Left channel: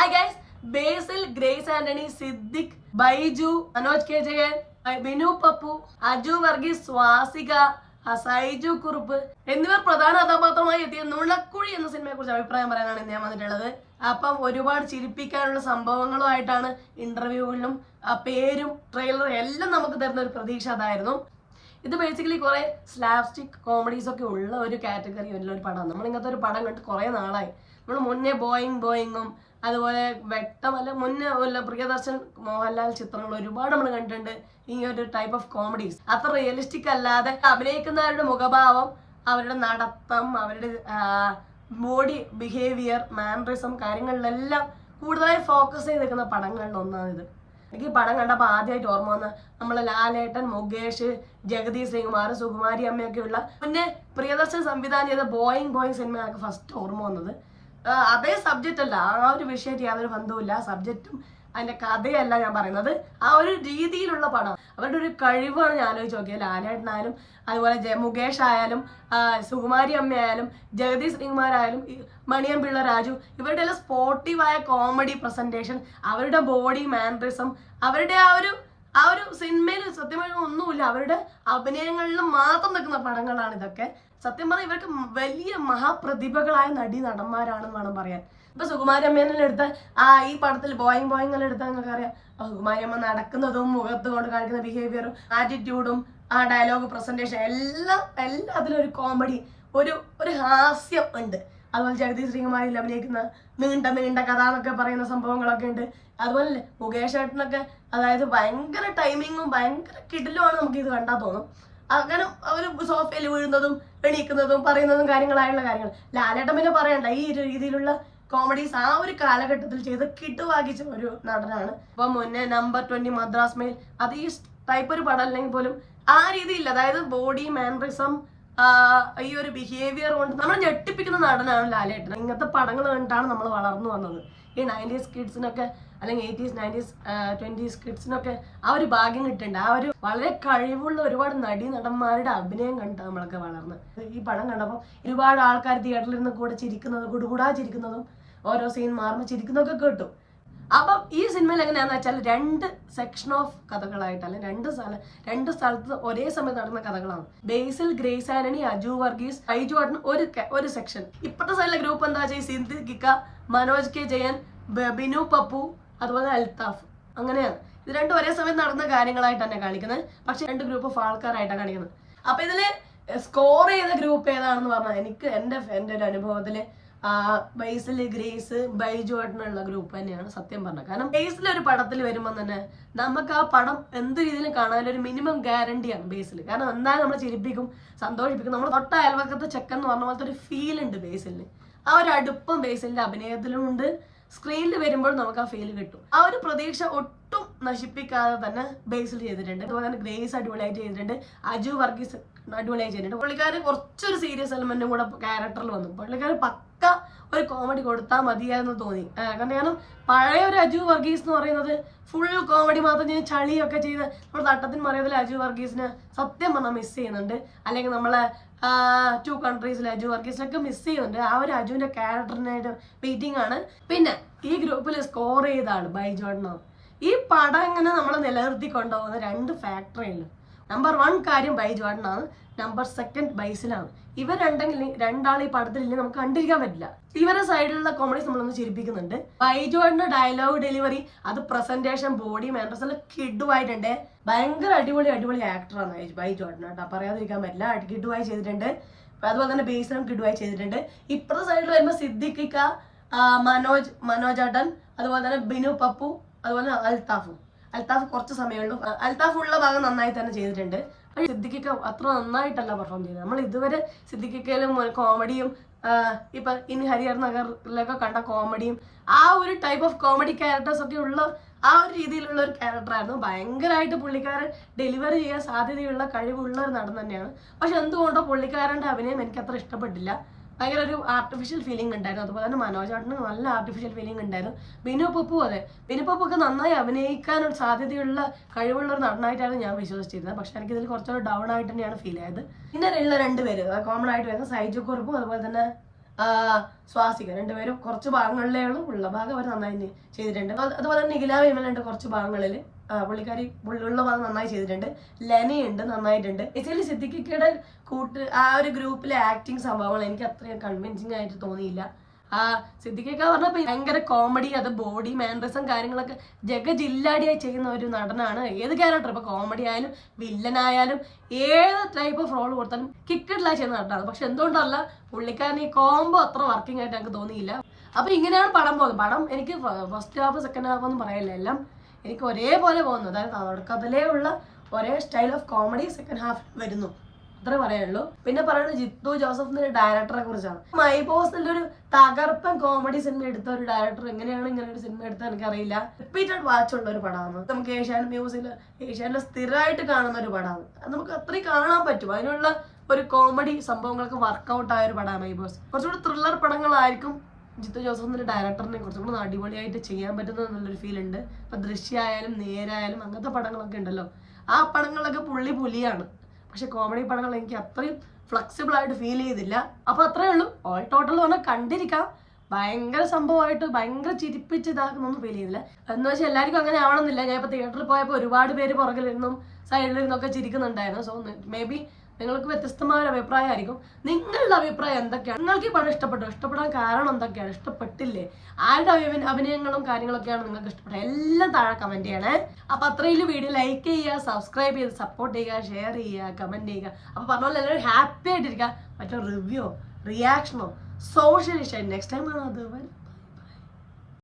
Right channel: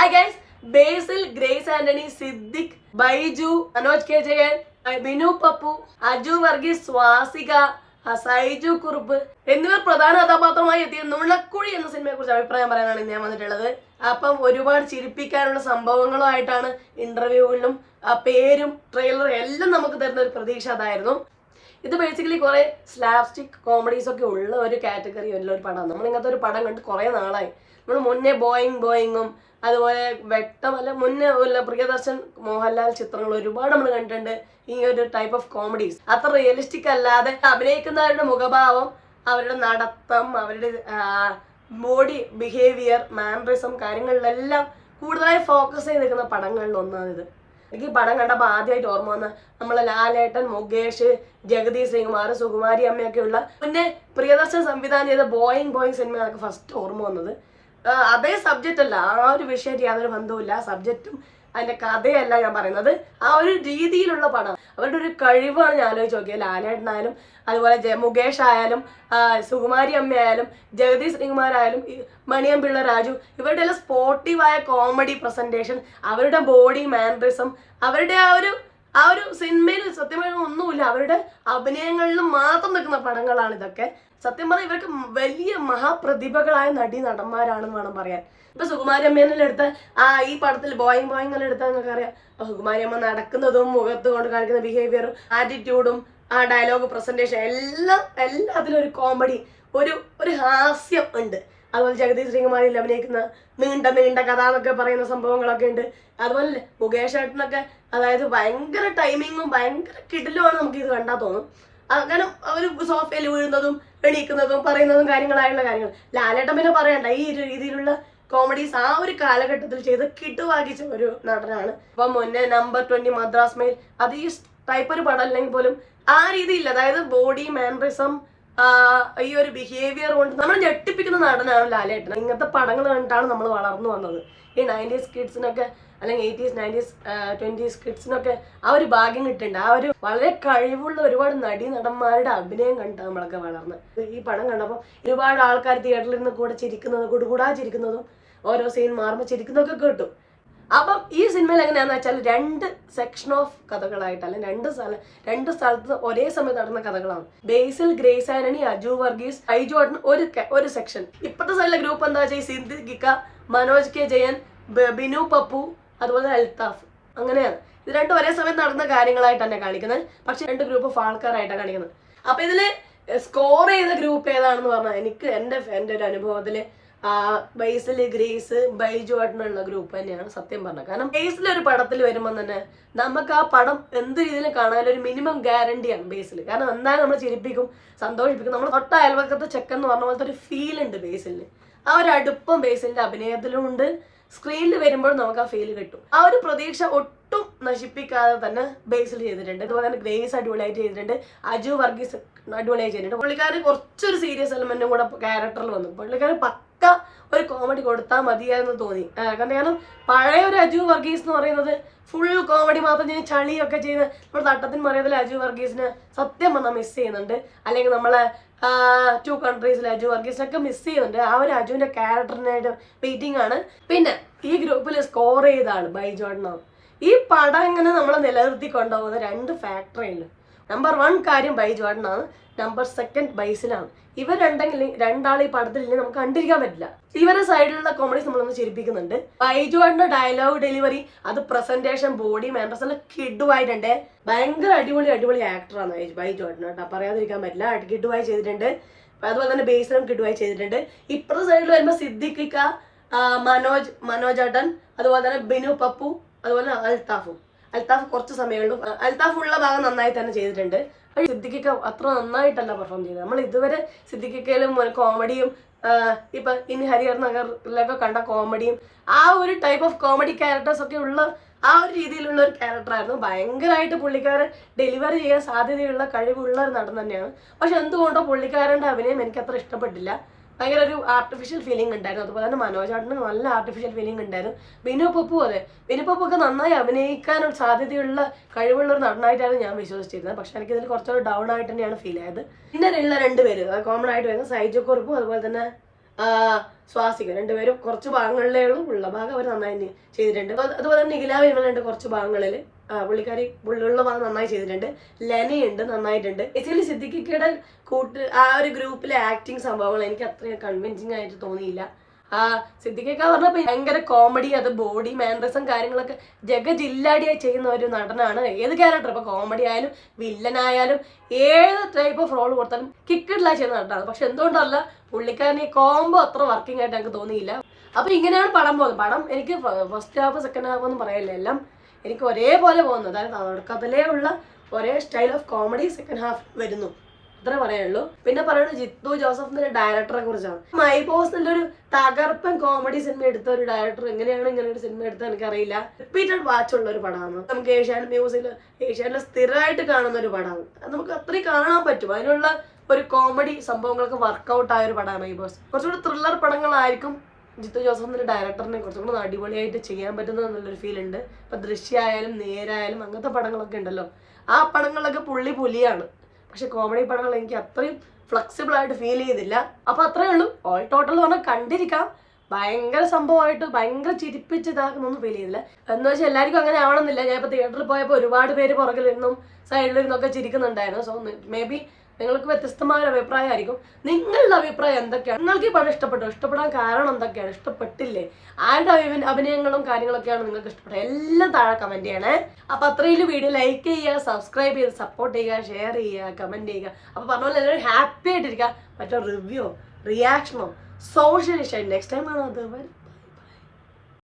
Hi guys, ബേസിൽ, grace Antony, Siddique, Baiju, Manoj K Jayan, Binu Pappu, Aju Varghese, Swasika, Saiju Kurup എന്നിവർ പ്രധാന കഥാപാത്രമായി എത്തിയ നുണക്കുഴി എന്ന സിനിമയെ കുറിച്ച് അഭിപ്രായം പറയാനാണ് ഞാൻ വന്നിട്ടുള്ളത്. അപ്പം ഒരുപാട് ചിരിപ്പിക്കാനുള്ള സംഭവങ്ങളുമായിട്ടാണ് ഇന്റർവ്യൂകളിലും പേരും ട്രെയിലറും എല്ലാം നമുക്ക് തരുന്ന ഒരു പ്രതീക്ഷ അതായിരുന്നു. ഇത് ബേസിക്കലി കുറെ സ്ലാപ്സ്റ്റിക് കോമഡീസ് ഒക്കെ ഉള്ള ഒരു കാറ്റഗറി ഉള്ള ഒരു പടമാണ്. നമ്മൾ ഇങ്ങനത്തെ ഒരു പടം കണ്ട് കുറെ നാളായി. നമ്മൾ മുന്നേ ബോയിങ്ങും അതുപോലെ വ്യക്തമല്ല മുന്നേ ഉള്ള പ്രിയദർശൻ, മോഹൻലാൽ ചിത്രങ്ങൾ ഒരുപാട് നമ്മൾ കണ്ടിട്ടുണ്ട്. ഈ ഒരു ടൈപ്പ് ഓഫ് കോമഡീസ് അത്ര റിയലിസ്റ്റിക് അല്ലാതെ അഭിനയിക്കുന്നവരുടെ മുഖഭാവം, അവരുടെ നടത്തം, അവരുടെ ബോഡി ബിഹേവിയർ, മാനറിസം കാര്യങ്ങളിലെല്ലാം കൂടുതലായി ഫോക്കസ് ചെയ്ത് നിൽക്കുന്ന പടങ്ങളിൽ ഒന്നാണിത്. എനിക്ക് ഈ പടം കണ്ടപ്പോൾ ആദ്യമായിട്ട് ഓർമ്മ വന്ന നമ്മളെ ലാലേട്ടൻ, മുകേഷ്, ജഗതി ശ്രീകുമാർ, സുകുമാരി അമ്മയൊക്കെ ഉള്ള മുന്നേ പ്രിയദർശൻ സംവിധാനം ചെയ്ത ബോയിങ് സിനിമയാണ് ഫസ്റ്റ് ഓർമ്മ വന്നത്. അതേ സബ്ജക്റ്റ് അല്ല, ആ ഒരു വിഷയമായിട്ട് യാതൊരു ബന്ധവുമില്ല. സബ്ജക്റ്റും അതിന്റെ കഥയല്ല ഞാൻ പറയുന്നത്, ആ ഒരു രീതിയിലുള്ള പടം. അവരുടെ ഒരു കഴിവാണ് ഞാൻ ആലോചിച്ച് നോക്കിയത്. ലാലേട്ടനായാലും അതുപോലെ മുകേഷ് ആയാലും സുകുമാരി അമ്മയായാലും ജഗതി ശ്രീകുമാരായാലും മണിയമ്പിള്ള രാജു, ഇവരുടെ എല്ലാം സ്പോർട്ടീവായ കോമഡി പ്രസന്റേഷൻ, അവരുടെ ബോഡി മാനറിസം, അവരുടെ ആ ഒരു സിനിമയിൽ സത്യമായി ഒന്നുമില്ല, അവരുടെ അഭിനയങ്ങളിലും മാത്രം നിൽക്കുന്ന പടങ്ങളാണ് ഇതൊക്കെ. സത്യം പറഞ്ഞാൽ ഇവർക്ക് വലിയ മഹാപ്രതിഭകളായ നടന്മാരാണെന്ന് വേണം പറയാൻ. ഇപ്പൊ സുകുമാരി അമ്മേനെല്ലാം എടുത്ത ഈ പടത്തിൽ ബോയിങ് എല്ലാം എടുത്താൽ നിങ്ങൾക്ക് അറിയാം. സുകുമാരി അമ്മ നടക്കുന്നതും മുഖത്ത് കൊണ്ട് കാണിക്കുന്ന ബിഹേവിയറും ആറ്റിറ്റ്യൂഡും ആ ഡയലോഗ് പ്രസന്റേഷൻ എല്ലാത്തിലും ഒരു കോമഡി, ഒരു ഹാസ്യം ഉണ്ട്. അതുപോലെ ജഗതി ശ്രീകുമാരിൽ അഭിനയിക്കുന്ന നീണ്ട കഥ എന്നൊക്കെ പറയുന്ന സംഭവങ്ങളൊക്കെ ഉണ്ട്. അതുപോലെ മുകേഷ് ഏട്ടനൊക്കെ അതായത് ഭയങ്കര ടൈമിങ്ങും ഭയങ്കര കിടിലുമാണ്. നമുക്ക് ഇത് കണ്ടാൽ തോന്നും. കാരണം അവർ സോഫയിൽ വീഴുന്നതും എണീക്കുന്നതും പറയുന്നതും കാര്യങ്ങളായുള്ള കാര്യങ്ങൾ. ലാലേട്ടൻ പിന്നെ പറയണ്ട, ഈ ഒരു രീതിയിലുള്ള കോമഡീസ് ആ ഒരു കാലഘട്ടത്തിൽ ചെയ്ത് കിട്ടുവാകിച്ച ഒരു നടനാണ്. ഇപ്പൊ മുന്നേ നമ്പർ 20 മദ്രാസ് മെയിൽ, അത് ഈ ടൈപ്പ് ഒരു പടം അല്ലെങ്കിൽ പോലും ആ രീതിയിൽ, അതായത് ബോഡി മാനറിസം, ഈ ഒരു ബിഹേവിയർ കൊണ്ട് നമ്മൾ ഞെട്ടിപ്പിക്കുന്ന നടനാണ് ലാലേട്ടൻ. ഇങ്ങനത്തെ പടങ്ങൾ കണ്ടിട്ടാണ് നമ്മൾ വളർന്നു വന്നത്. ഈ 90s കിഡ്സിനൊക്കെ അല്ലെങ്കിൽ 80s 90s 20s കിഡ്സിനൊക്കെ ആ ഒരു ഭാഗ്യം കിട്ടുന്നുണ്ട്. ആ ഒരു വളരെ കഴിവുള്ള ഒരുപാട് നടന്മാരുടെ അഭിനയം കണ്ടിട്ട് നമ്മളൊക്കെ വളർന്ന്. ഈ പടം കണ്ടപ്പോൾ ഒരുപാട് ആൾക്കാർ തിയേറ്ററിൽ നിന്ന് കൂടെ ചിരിക്കുന്നതും കുടുകൂടാ ചിരിക്കുന്നതും ഓരോ സീൻ മാറുമ്പോൾ ചിരിക്കുന്നതൊക്കെ കേട്ടു. അപ്പം ഈ സിനിമയിൽ എങ്ങനെയാണെന്ന് വെച്ചാൽ 2 സെക്ഷൻ ഓഫ് കഥകളായിട്ട്, അല്ലെങ്കിൽ രണ്ട് സ്ഥലത്ത് ഒരേ സമയത്ത് നടന്ന കഥകളാണ്. ബേസിൽ, ഗ്രേസ് ആന്റണി, അജു വർഗീസ്, ഐജു ഒരു സെക്ഷൻ. ഇപ്പോഴത്തെ സൈഡിലെ ഗ്രൂപ്പ് എന്താ വെച്ചാൽ സിദ്ദിഖ, മനോജ് കെ ജയൻ, ബിനു പപ്പു, അതുപോലെ അൽത്താഫ്. അങ്ങനെയാണ് ഇത് രണ്ടും ഒരേ സമയത്ത് നടന്ന കാര്യങ്ങളായിട്ട് തന്നെ കാണിക്കുന്നത്. പക്ഷെ 2 ഗ്രൂപ്പ് ഓഫ് ആൾക്കാരായിട്ടാണ് കാണിക്കുന്നത്. അപ്പൊ ഇതില് സ്കോർ ചെയ്ത ഗ്രൂപ്പ് ഏതാണെന്ന് പറഞ്ഞാൽ എനിക്ക് എൻ്റെ ഒരു അനുഭവത്തില് ബേസിൽ, ഗ്രേസ്, ബൈജു ആയിട്ടുള്ള ഗ്രൂപ്പ് തന്നെയാണ് സത്യം പറഞ്ഞത്. കാരണം ബേസിൽ ഒരു പടത്തിൽ വരുമ്പോൾ തന്നെ നമുക്ക് ആ പടം എന്ത് രീതിയിലും കാണാനൊരു മിനിമം ഗ്യാരണ്ടിയാണ് ബേസിൽ. കാരണം എന്തായാലും നമ്മൾ ചിരിപ്പിക്കും, സന്തോഷിപ്പിക്കും. നമ്മൾ തൊട്ട അയൽവക്കത്തെ ചെക്കൻ എന്ന് പറഞ്ഞ പോലത്തെ ഒരു ഫീൽ ഉണ്ട് ബേസിലിന്. ആ ഒരു അടുപ്പം ബേസിലിന്റെ അഭിനയത്തിലും ഉണ്ട്. സ്ക്രീനിൽ വരുമ്പോൾ നമുക്ക് ആ ഫീൽ കിട്ടും. ആ ഒരു പ്രതീക്ഷ ഒട്ടും നശിപ്പിക്കാതെ തന്നെ ബേസിൽ ചെയ്തിട്ടുണ്ട്. അതുപോലെ തന്നെ ഗ്രേസ് അടിപൊളിയായിട്ട് ചെയ്തിട്ടുണ്ട്. അജു വർഗീസ് അടിപൊളിയായി ചെയ്തിട്ടുണ്ട്. പുള്ളിക്കാരൻ കുറച്ചൊരു സീരിയസ് എലമെന്റും കൂടെ ക്യാരക്ടറിൽ വന്നു. പുള്ളിക്കാരൻ പക്ക ഒരു കോമഡി കൊടുത്താൽ മതിയായിരുന്നു തോന്നി. കാരണം പഴയ ഒരു അജു വർഗീസ് എന്ന് പറയുന്നത് ഫുൾ കോമഡി മാത്രം ചെയ്ത് ചളിയൊക്കെ ചെയ്ത് നമ്മൾ തട്ടത്തിന് മറിയതിൽ അജു വർഗീസിനെ സത്യം പറഞ്ഞാൽ മിസ് ചെയ്യുന്നുണ്ട്. അല്ലെങ്കിൽ നമ്മളെ 2 കൺട്രീസിലെ അജു വർഗീസിനൊക്കെ മിസ് ചെയ്യുന്നുണ്ട്. ആ ഒരു അജുവിന്റെ ക്യാരക്ടറിനായിട്ട് വെയിറ്റിംഗ് ആണ്. പിന്നെ ഈ ഗ്രൂപ്പിൽ സ്കോർ ചെയ്ത ആള് ബൈജോട്ടനാണ്. ഈ പടം ഇങ്ങനെ നമ്മളെ നിലനിർത്തി കൊണ്ടുപോകുന്ന 2 ഫാക്ടറിയില്ല. നമ്പർ 1 കാര്യം ബൈജോട്ടനാണ്, നമ്പർ 2 ബൈസിലാണ്. ഇവരുണ്ടെങ്കിൽ രണ്ടാൾ ഈ പടത്തിൽ നമുക്ക് കണ്ടിരിക്കാൻ പറ്റില്ല. ഇവരുടെ സൈഡിലുള്ള കോമഡീസ് നമ്മളൊന്ന് ചിരിപ്പിക്കുന്നുണ്ട്. ബൈജുവാടിന്റെ ഡയലോഗ് ഡെലിവറി, അത് പ്രസന്റേഷൻ, ബോഡി മാനേഴ്സ് എല്ലാം കിഡുവായിട്ടുണ്ട്. ഭയങ്കര അടിപൊളി ആക്ടറാണ് ബൈജുവാടിന് കേട്ടോ, പറയാതിരിക്കാൻ പറ്റില്ല. കിഡുവായി ചെയ്തിട്ടുണ്ട്. അതുപോലെ തന്നെ ബേസിലും കിഡുവായി ചെയ്തിട്ടുണ്ട്. ഇപ്പുറത്തെ സൈഡിൽ വരുമ്പോൾ സിദ്ദിഖിക്ക, മനോജ് ഏട്ടൻ, അതുപോലെ തന്നെ ബിനു പപ്പു, അതുപോലെ അൽത്താഫ് കുറച്ച് സമയമുള്ളൂ. അൽത്താഫ് ഉള്ള ഭാഗം നന്നായി തന്നെ ചെയ്തിട്ടുണ്ട്. സിദ്ദിഖിക്ക അത്ര നന്നായിട്ടല്ല പെർഫോം ചെയ്തത്. നമ്മൾ ഇതുവരെ സിദ്ദിഖിക്കയിലും കോമഡിയും ഇപ്പൊ ഇനി ഹരിഹർ നഗറിലൊക്കെ കണ്ട കോമഡിയും ആ ഒരു ടൈപ്പ് ഓഫ് കോമഡി ക്യാരക്ടേഴ്സ് ഒക്കെ ഉള്ള ആ ഒരു രീതിയിലുള്ള ഒരു ക്യാരക്ടറായിരുന്നു. ഭയങ്കരമായിട്ട് പുള്ളിക്കാരൻ ഡെലിവറി ചെയ്യാൻ സാധ്യതയുള്ള കഴിവുള്ള ഒരു നടൻ തന്നെയാണ്. പക്ഷെ എന്തുകൊണ്ടോ പുള്ളിക്കാരൻ്റെ അഭിനയം എനിക്ക് അത്ര ഇഷ്ടപ്പെട്ടില്ല. ഭയങ്കര ഒരു ആർട്ടിഫിഷ്യൽ ഫീലിംഗ് ഉണ്ടായിരുന്നു. അതുപോലെ തന്നെ മനോജാട്ടിന് നല്ല ആർട്ടിഫിഷ്യൽ ഫീലിംഗ് ഉണ്ടായിരുന്നു. ബിനു പപ്പു ഒക്കെ നന്നായി അഭിനയിക്കാനൊരു സാധ്യതയുള്ള കഴിവുള്ള ഒരു നടനായിട്ടാണ് ഞാൻ വിശ്വസിച്ചിരുന്നത്. പക്ഷെ എനിക്കിതിൽ കുറച്ചൊരു ഡൗൺ ആയിട്ട് തന്നെയാണ് ഫീൽ ആയത്. പിന്നെ ഉള്ള 2 പേര് കോമൺ ആയിട്ട് വരുന്നത് സൈജു കുറുപ്പും അതുപോലെ തന്നെ സ്വാസിക രണ്ടുപേരും കുറച്ച് ഭാഗങ്ങളിലേ ഉള്ള ഭാഗം അവർ നന്നായി ചെയ്തിട്ടുണ്ട്. അതുപോലെ തന്നെ നിഖില വിമലുണ്ട് കുറച്ച് ഭാഗങ്ങളിൽ, പുള്ളിക്കാരി ഉള്ള ഭാഗം നന്നായി ചെയ്തിട്ടുണ്ട്. ലെനയുണ്ട്, നന്നായിട്ടുണ്ട്. ബേസിക്കലി സിദ്ദിഖിക്കയുടെ ആ ഒരു ഗ്രൂപ്പിലെ ആക്ടിങ് സംഭവങ്ങൾ എനിക്ക് അത്രയും കൺവിൻസിങ് ആയിട്ട് തോന്നിയില്ല. സിദ്ദിഖിക്ക പറഞ്ഞപ്പോൾ ഭയങ്കര കോമഡി, അത് ബോഡി മാനറിസം കാര്യങ്ങളൊക്കെ ജഗജില്ലാടിയായി ചെയ്യുന്ന ഒരു നടനാണ്. ഏത് ക്യാരക്ടർ ഇപ്പോൾ കോമഡി ആയാലും വില്ലനായാലും ഏത് ടൈപ്പ് ഓഫ് റോൾ കൊടുത്താലും കിക്കിഡില്ല ചെയ്യുന്ന നടനാണ്. പക്ഷെ എന്തുകൊണ്ടല്ല പുള്ളിക്കാരൻ ഈ കോംബോ അത്ര വർക്കിംഗ് ആയിട്ട് എനിക്ക് തോന്നിയില്ല. അപ്പോൾ ഇങ്ങനെയാണ് പടം പോകുന്നത്. പടം എനിക്ക് ഫസ്റ്റ് ഹാഫ് സെക്കൻഡ് ഹാഫ് ഒന്നും പറയില്ല, എല്ലാം എനിക്ക് ഒരേപോലെ പോകുന്നു. അതായത് തുടക്കത്തിലേ ഉള്ള ഒരേ style of comedy second half വരുന്നു, അത്രേ പറയാനുള്ളൂ. പിന്നെ പറയുന്നത് ജിത്തു ജോസഫ് ഡയറക്ടറെ കുറിച്ചാണ്. മൈ ബോസ് ഒരു തകർപ്പൻ കോമഡി സിനിമ എടുത്ത ഒരു ഡയറക്ടർ എങ്ങനെയാണ് ഇങ്ങനെ ഒരു സിനിമ എടുത്തത് എനിക്കറിയില്ല. റിപ്പീറ്റഡ് വാച്ച് ഉള്ള ഒരു പടമാണ്. നമുക്ക് ഏഷ്യാനെറ്റ് മ്യൂസിൽ ഏഷ്യാനിൽ സ്ഥിരമായിട്ട് കാണുന്ന ഒരു പടമാണ്. അത് നമുക്ക് അത്രയും കാണാൻ പറ്റും. അതിനുള്ള ഒരു കോമഡി സംഭവങ്ങളൊക്കെ വർക്കൗട്ട് ആയ ഒരു പടമാണ് മൈ ബോസ്. കുറച്ചുകൂടി ത്രില്ലർ പടങ്ങളായിരിക്കും ജിത്തു ജോസഫ് ഡയറക്ടറിനെ കുറച്ചും കൂടി അടിപൊളിയായിട്ട് ചെയ്യാൻ പറ്റുന്നത് എന്നുള്ളൊരു ഫീൽ ഉണ്ട്. ഇപ്പൊ ദൃശ്യമായാലും നേരായാലും അങ്ങനത്തെ പടങ്ങളൊക്കെ ഉണ്ടല്ലോ, ആ പടങ്ങളിലൊക്കെ പുലിയാണ്. പക്ഷെ കോമഡി പടങ്ങൾ എനിക്ക് അത്രയും ഫ്ലെക്സിബിൾ ആയിട്ട് ഫീൽ ചെയ്തില്ല. അപ്പൊ അത്രയേ ഉള്ളൂ. ഓൾ ടോട്ടൽ പറഞ്ഞാൽ കണ്ടിരിക്കാം. ഭയങ്കര സംഭവമായിട്ട് ഭയങ്കര ചിരിപ്പിച്ച് ഇതാക്കുന്നൊന്നും ഫീൽ ചെയ്തില്ല. എന്ന് വെച്ചാൽ എല്ലാവർക്കും അങ്ങനെ ആവണമെന്നില്ല. ഞാൻ ഇപ്പൊ തിയേറ്ററിൽ പോയപ്പോൾ ഒരുപാട് പേര് പുറകിലിരുന്നും സൈഡിലിരുന്നൊക്കെ ചിരിക്കുന്നുണ്ടായിരുന്നു. സോ മേ ബി നിങ്ങൾക്ക് വ്യത്യസ്തമായ ഒരു അഭിപ്രായമായിരിക്കും. നിങ്ങളുടെ അഭിപ്രായം എന്തൊക്കെയാണ്? നിങ്ങൾക്ക് ഈ പടം ഇഷ്ടപ്പെടാൻ കാരണം എന്തൊക്കെയാണ്? ഇഷ്ടപ്പെട്ടില്ലേ? ആരുടെ അഭിനയങ്ങളും കാര്യങ്ങളൊക്കെയാണ് നിങ്ങൾക്ക് ഇഷ്ടപ്പെട്ടത്? എല്ലാം താഴെ കമന്റ് ചെയ്യണേ. അപ്പൊ അത്രയും വീഡിയോ ലൈക്ക് ചെയ്യുക, സബ്സ്ക്രൈബ് ചെയ്ത് സപ്പോർട്ട് ചെയ്യുക, ഷെയർ ചെയ്യുക, കമന്റ് ചെയ്യുക. അപ്പൊ പറഞ്ഞ പോലെ എല്ലാവരും ഹാപ്പി ആയിട്ടിരിക്കുക. മറ്റോ റിവ്യൂ റിയാക്ഷനോ സോഷ്യൽ നെക്സ്റ്റ് ടൈം ആണ് അത് വരും.